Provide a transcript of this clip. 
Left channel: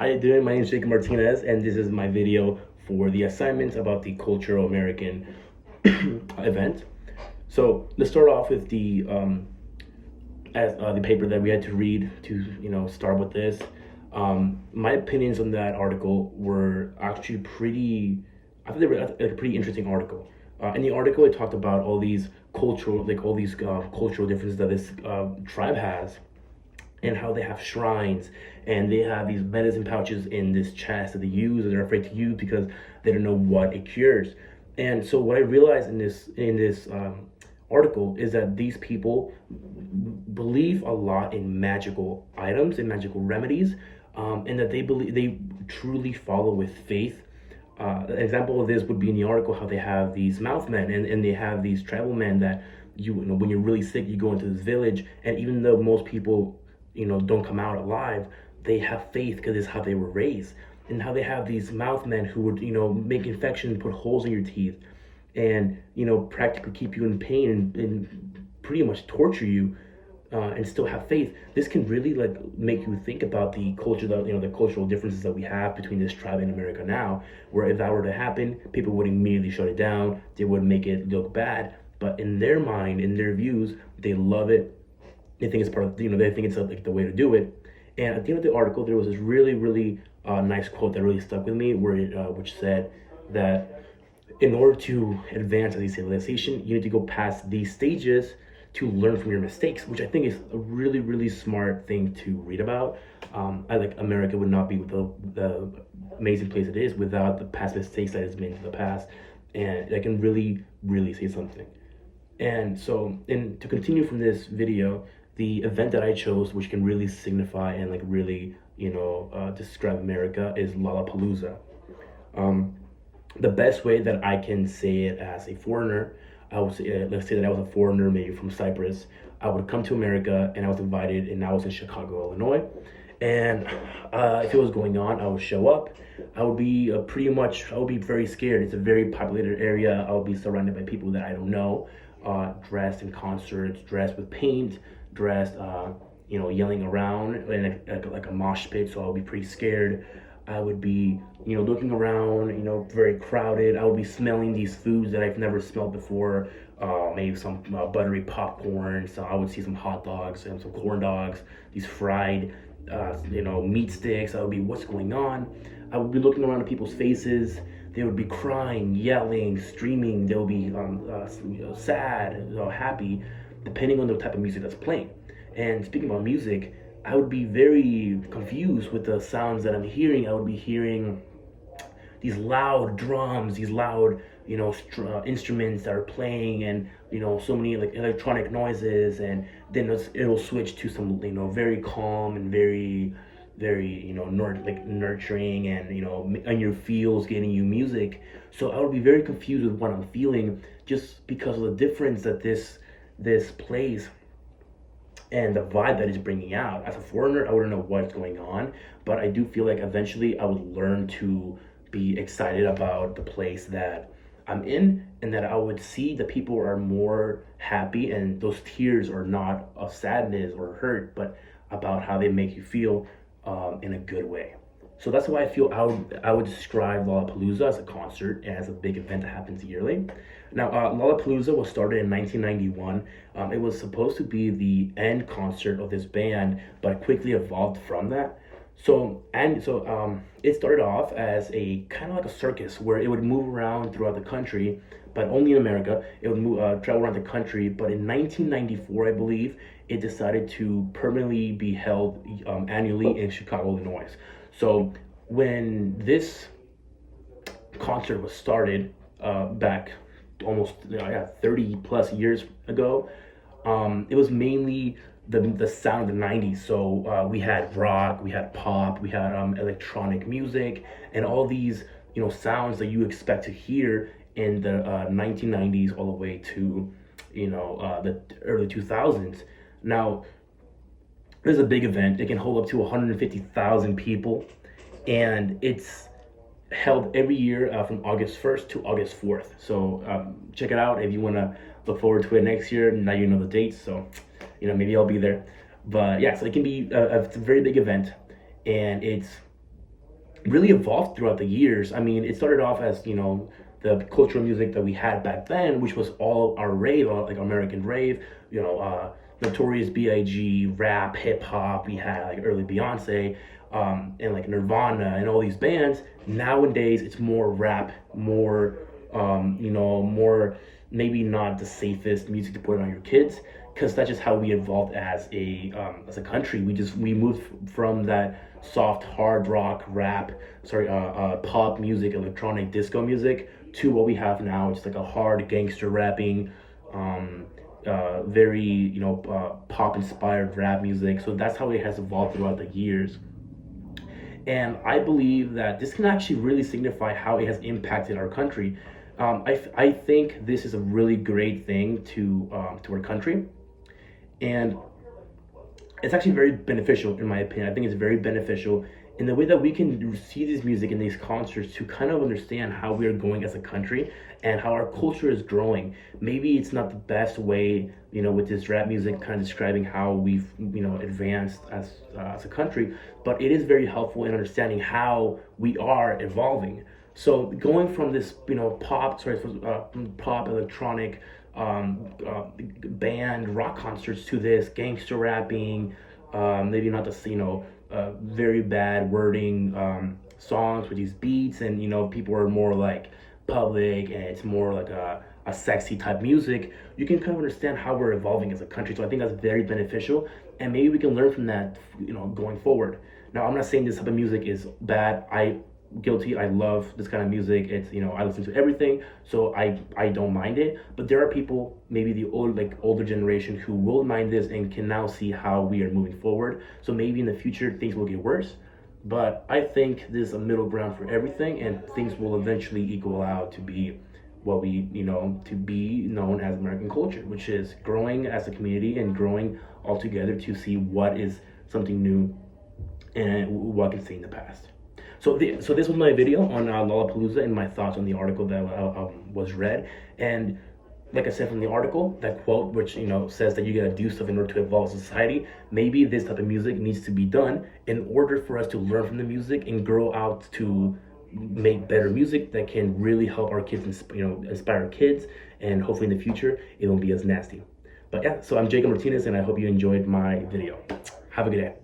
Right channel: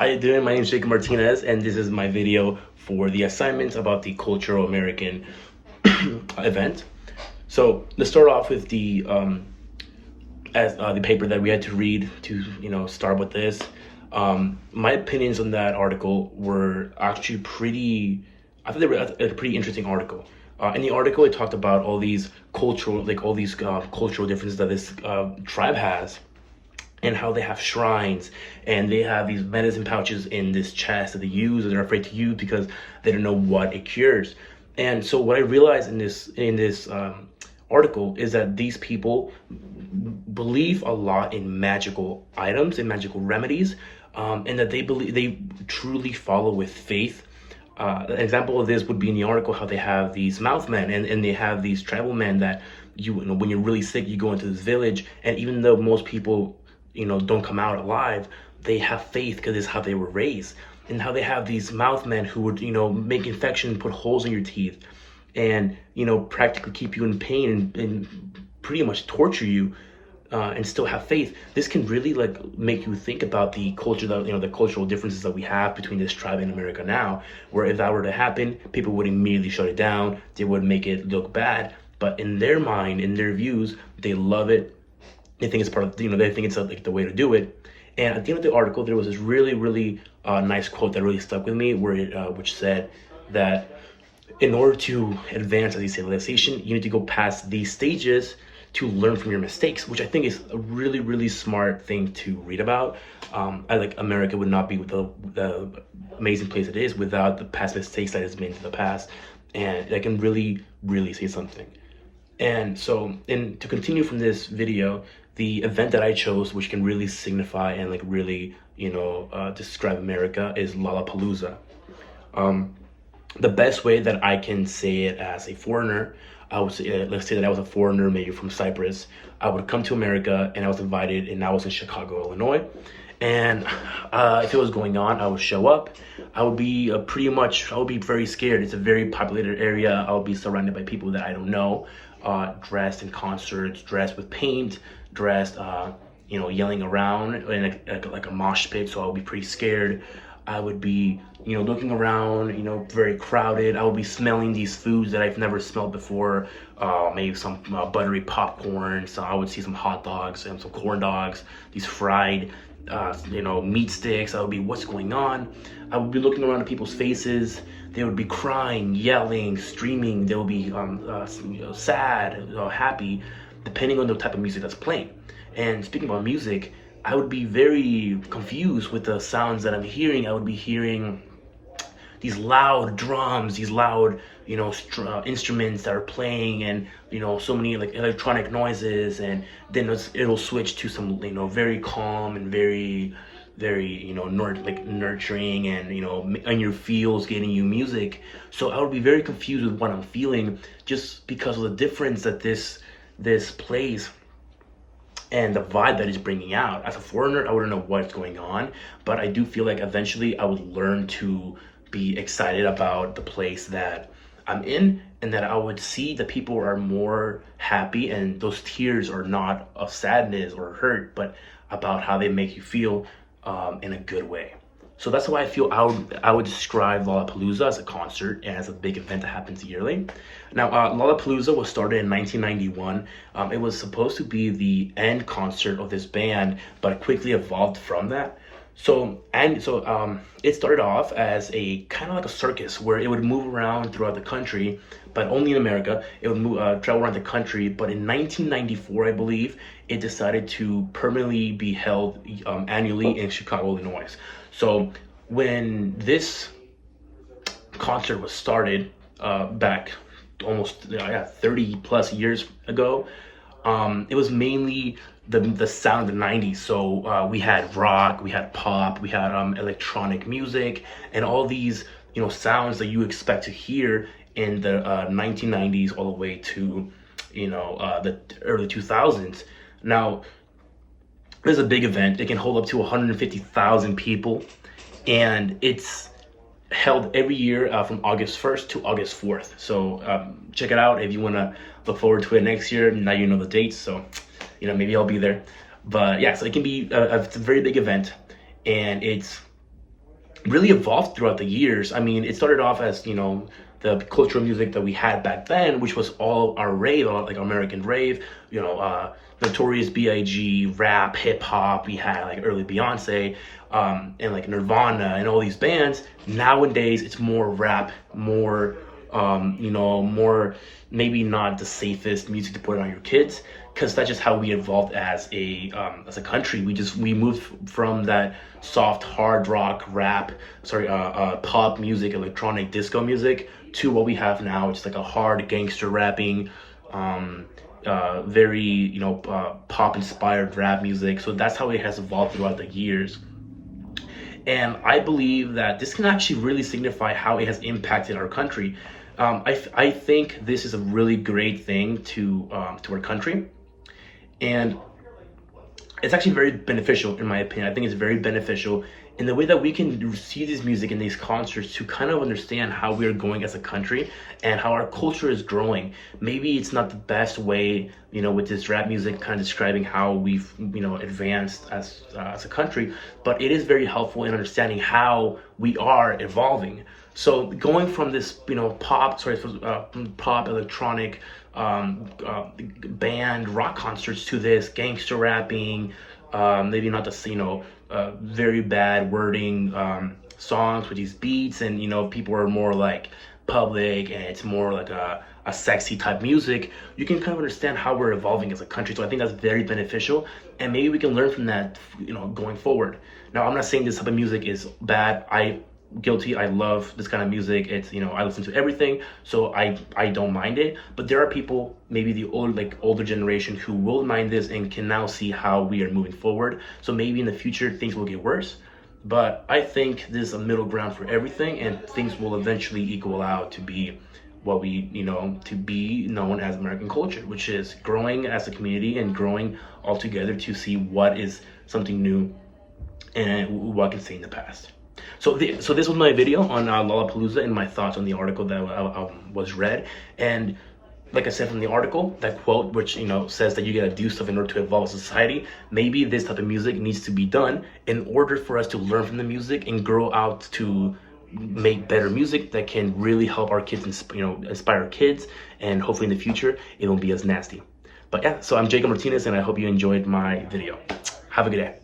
How you doing? My name is Jacob Martinez, and this is my video for the assignments about the Cultural American event. So let's start off with the paper that we had to read to start with this. My opinions on that article were actually pretty. I thought they were a pretty interesting article. In the article, it talked about all these cultural differences that this tribe has, and how they have shrines and they have these medicine pouches in this chest that they use and they're afraid to use because they don't know what it cures. And so what I realized in this article is that these people believe a lot in magical items and magical remedies, and that they truly follow with faith. An example of this would be in the article how they have these mouthmen and they have these tribal men that when you're really sick, you go into this village, and even though most people don't come out alive, they have faith because it's how they were raised. And how they have these mouthmen who would make infection, put holes in your teeth, and practically keep you in pain and pretty much torture you, and still have faith. This can really make you think about the culture, that the cultural differences that we have between this tribe and America now, where if that were to happen, people would immediately shut it down. They would make it look bad, but in their mind, in their views, they love it. They think it's part of, they think it's like the way to do it. And at the end of the article, there was this really, really nice quote that really stuck with me, which said that in order to advance as a civilization, you need to go past these stages to learn from your mistakes, which I think is a really, really smart thing to read about. America would not be the amazing place it is without the past mistakes that it's made in the past. And I can really, really say something. And so, to continue from this video, the event that I chose, which can really signify and really, describe America, is Lollapalooza. The best way that I can say it as a foreigner, I would say, let's say that I was a foreigner, maybe from Cyprus. I would come to America and I was invited, and I was in Chicago, Illinois. And if it was going on, I would show up. I would be I would be very scared. It's a very populated area. I would be surrounded by people that I don't know, dressed in concerts, dressed with paint, dressed, yelling around in like a mosh pit. So I would be pretty scared. I would be, looking around, very crowded. I would be smelling these foods that I've never smelled before. Maybe some buttery popcorn. So I would see some hot dogs and some corn dogs, these fried, meat sticks. I would be, what's going on? I would be looking around at people's faces. They would be crying, yelling, screaming. They would be sad, happy, depending on the type of music that's playing. And speaking about music, I would be very confused with the sounds that I'm hearing. I would be hearing these loud drums, these loud, instruments that are playing, and so many electronic noises, and then it'll switch to some very calm and very, very nurturing and on your feels, getting you music. So I would be very confused with what I'm feeling, just because of the difference that this plays and the vibe that it's bringing out. As a foreigner, I wouldn't know what's going on, but I do feel like eventually I would learn to be excited about the place that I'm in, and that I would see that people are more happy, and those tears are not of sadness or hurt, but about how they make you feel in a good way. So that's why I feel I would describe Lollapalooza as a concert and as a big event that happens yearly. Now, Lollapalooza was started in 1991. It was supposed to be the end concert of this band, but it quickly evolved from that. So it started off as a kind of like a circus where it would move around throughout the country, but only in America. It would travel around the country. But in 1994, I believe, it decided to permanently be held annually in Chicago, Illinois. So when this concert was started back almost 30 plus years ago, it was mainly the sound of the 90s. So we had rock, we had pop, we had electronic music, and all these sounds that you expect to hear in the 1990s all the way to the early 2000s. Now, this is a big event. It can hold up to 150,000 people, and it's held every year from August 1st to August 4th. So check it out if you want to look forward to it next year. Now you know the dates, so maybe I'll be there. But yeah, so it can be it's a very big event, and it's really evolved throughout the years. I mean, it started off as, you know, the cultural music that we had back then, which was all our rave, like American rave, you know, Notorious B.I.G., rap, hip hop. We had like early Beyonce, and like Nirvana and all these bands. Nowadays, it's more rap, more, you know, more, maybe not the safest music to put on your kids, because that's just how we evolved as a country. We moved from that soft hard rock rap, pop music, electronic disco music, to what we have now, which is like a hard gangster rapping, very, you know, pop inspired rap music. So that's how it has evolved throughout the years. And I believe that this can actually really signify how it has impacted our country. I think this is a really great thing to our country, and it's actually very beneficial in my opinion. I think it's very beneficial in the way that we can see this music in these concerts to kind of understand how we are going as a country and how our culture is growing. Maybe it's not the best way, you know, with this rap music kind of describing how we've, you know, advanced as a country, but it is very helpful in understanding how we are evolving. So going from this, you know, pop electronic, band rock concerts to this gangster rapping, maybe not the, you know, very bad wording, songs with these beats, and, you know, people are more like public and it's more like a sexy type music. You can kind of understand how we're evolving as a country. So I think that's very beneficial, and maybe we can learn from that, you know, going forward. Now, I'm not saying this type of music is bad. I love this kind of music. It's, you know, I listen to everything, so I don't mind it. But there are people, maybe the older generation, who will mind this and can now see how we are moving forward. So maybe in the future things will get worse, but I think there's a middle ground for everything, and things will eventually equal out to be what we, you know, to be known as American culture, which is growing as a community and growing all together to see what is something new and what can stay in the past. So this was my video on Lollapalooza and my thoughts on the article that was read. And like I said, from the article, that quote, which, you know, says that you gotta do stuff in order to evolve society. Maybe this type of music needs to be done in order for us to learn from the music and grow out to make better music that can really help our kids, you know, inspire kids, and hopefully in the future it won't be as nasty. But yeah, so I'm Jacob Martinez, and I hope you enjoyed my video. Have a good day.